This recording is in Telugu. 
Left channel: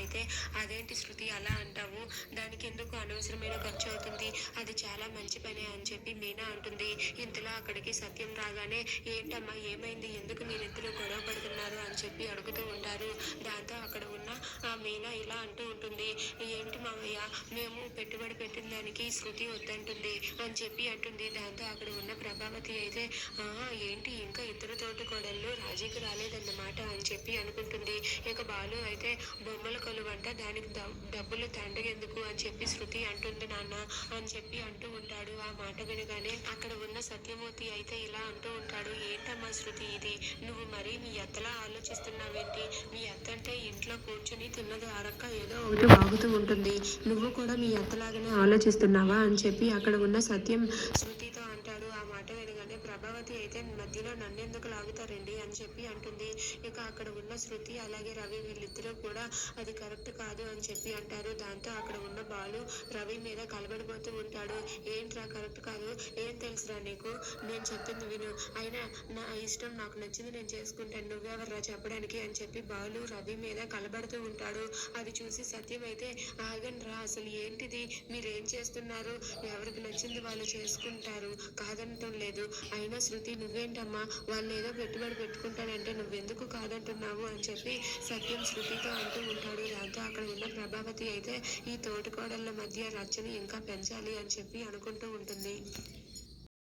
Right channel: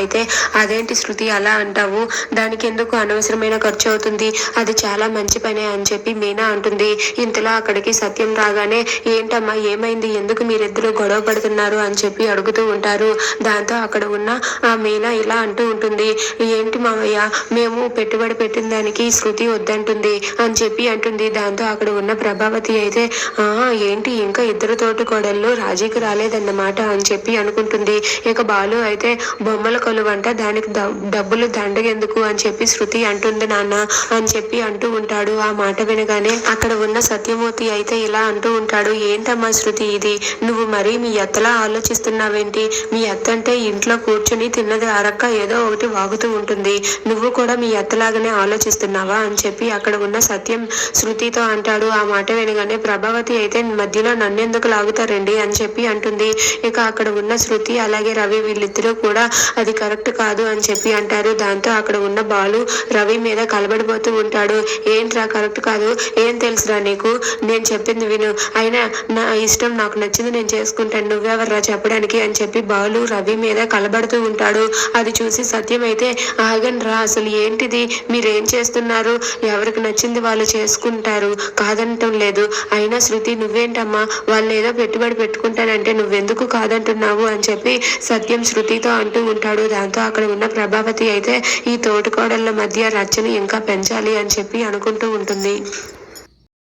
అయితే అదేంటి శృతి అలా అంటావు? దానికి ఎందుకు అనవసరమైన ఖర్చు అవుతుంది? అది చాలా మంచి పనే అని చెప్పి మీనా అంటుంది. ఇంతలో అక్కడికి సత్యం రాగానే ఏంటమ్మా ఏమైంది? ఎందుకు మీరిద్దరూ గొడవ పడుతున్నారు? అని చెప్పి అడుగుతూ ఉంటారు. దాంతో అక్కడ ఉన్న ఆ మీనా ఇలా అంటూ ఉంటుంది. ఏంటి మామయ్య మేము పెట్టుబడి పెట్టిన దానికి శృతి వద్దంటుంది అని చెప్పి అంటుంది. దాంతో అక్కడ ఉన్న ప్రభావతి అయితే ఆ ఏంటి? ఇంకా ఇద్దరు తోటి కోడళ్ళు రాజీకి రాలేదన్నమాట అని చెప్పి అనుకుంటుంది. ఇక బాలు అయితే బొమ్మల కొలువంట దానికి డబ్బులు దండగెందుకు అని చెప్పి శృతి అంటుంది నాన్న అని చెప్పి అంటూ ఉంటాడు. ఆ మాట వినగానే అక్కడ ఉన్న సత్యమూర్తి అయితే ఇలా అంటూ ఉంటాడు. ఏంటమ్మా శృతి ఇది? నువ్వు మరీ మీ ఎత్తలా ఆలోచిస్తున్నావేంటి? మీ ఎత్త అంటే ఇంట్లో కూర్చుని తిన్నది అరక్క ఏదో ఒకటి వాగుతూ ఉంటుంది. నువ్వు కూడా మీ ఎత్తలాగానే ఆలోచిస్తున్నావా? అని చెప్పి అక్కడ ఉన్న సత్యం శృతితో అంటాడు. ఆ మాట వినగానే ప్రభావతి అయితే మధ్యలో నన్నెందుకు లాగుతారండి? అని చెప్పి అంటుంది. ఇక అక్కడ ఉన్న శృతి అలాగే రవి వీళ్ళిద్దరూ కూడా అది కరెక్ట్ కాదు అని చెప్పి అంటారు. దాంతో అక్కడ ఉన్న బాలు రవి మీద కలబడిపోతూ ఉంటాడు. ఏంట్రా కరెక్ట్ కాదు? ఏం తెలుసురా నీకు? నేను చెప్పింది విను. అయినా నా ఇష్టం నాకు నచ్చింది నేను చేసుకుంటాను. నువ్వెవర్రా చెప్పడానికి అని చెప్పి బాలు రవి మీద కలబడుతూ ఉంటాడు. అది చూసి సత్యం అయితే ఆగండి అసలు ఏంటిది? మీరేం చేస్తున్నారు? ఎవరికి నచ్చింది వాళ్ళు చేసుకుంటారు? కాదనటం లేదు. అయినా శృతి నువ్వేంటమ్మా? వాళ్ళు ఏదో పెట్టుబడి పెట్టుకుంటానంటే నువ్వెందుకు కాదంటున్నావు? అని చెప్పి సత్యం శృతితో అంటూ ఉంటాడు. దాంతో అక్కడ ఉన్న ప్రభావతి అయితే ఈ తోటికోడళ్ళ మధ్య రచ్చని ఇంకా పెంచాలి అని చెప్పి అనుకుంటూ ఉంటుంది.